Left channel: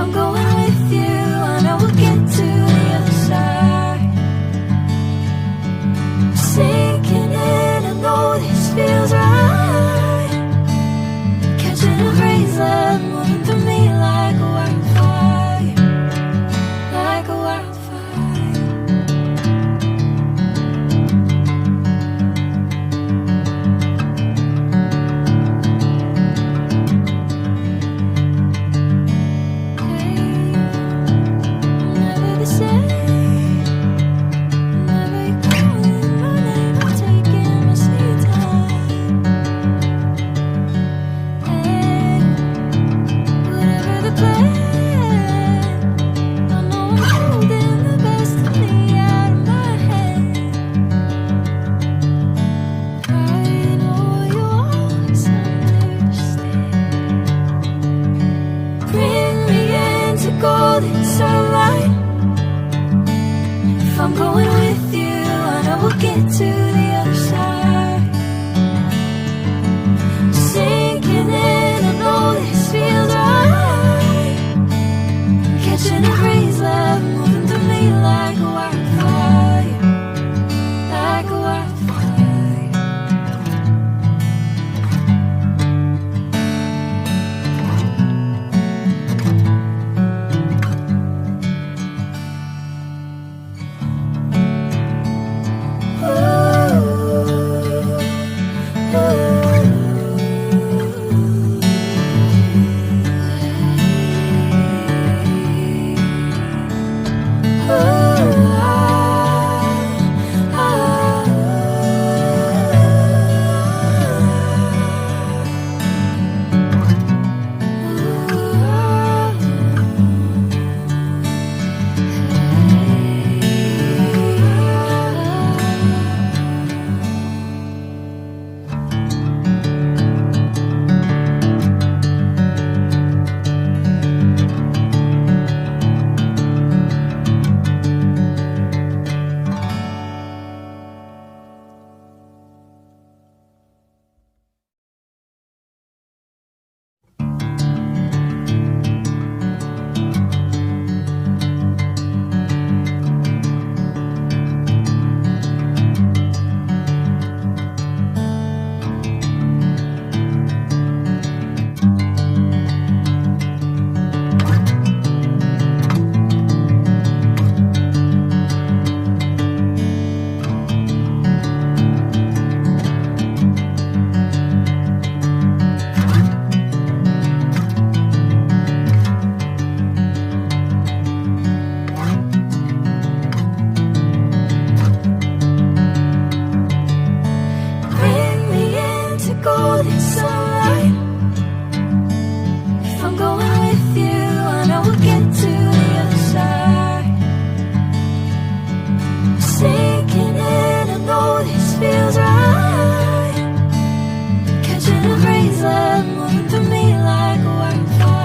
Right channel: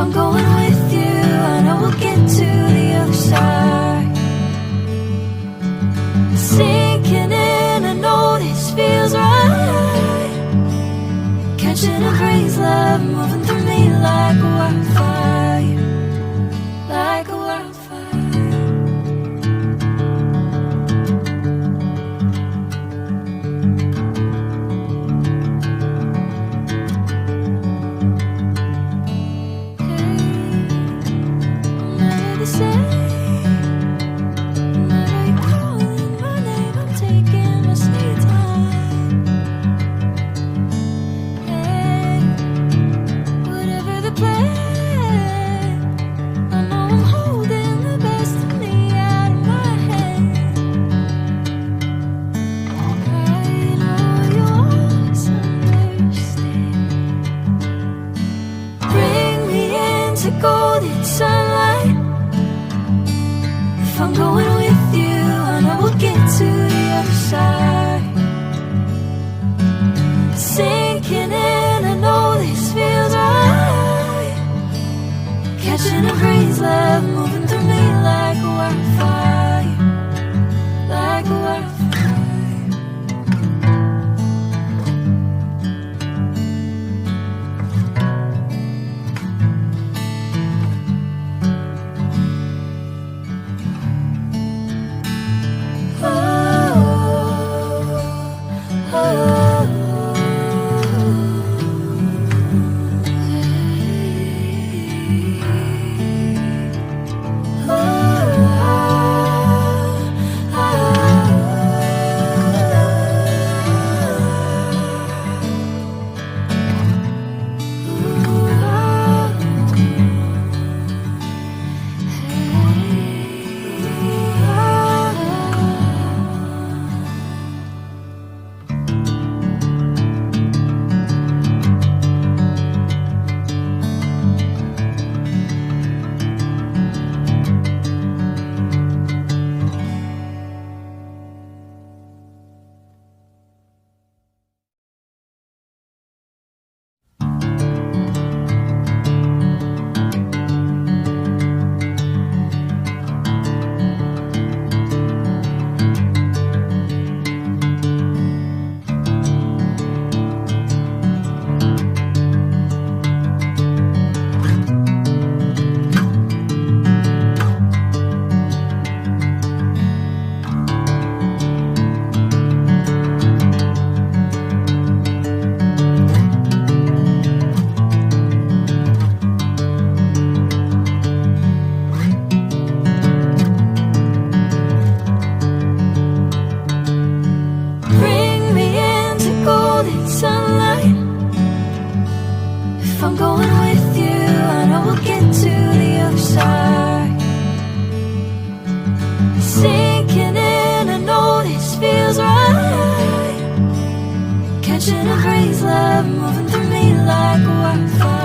I'm going with you, I know we'll get to the other side. Sinking in, I know this feels right. Catching a crazy love moving through me like a wildfire, like a wildfire. Hey, never the same. Never you calling my name, I'm taking my sweet time. Hey, whatever the plan, I know I'm holding the best of me out of my hand. I know you always understand. Bring me into golden sunlight. If I'm going with you, I know we'll get to the other side. Sinking in, I know this feels right. Catching a crazy love moving through me like a wildfire, like a wildfire. Bring me into golden sunlight. If I'm going with you, I know we'll get to the other side. Sinking in, I know this feels right. Catching a crazy love moving through me like a wildfire.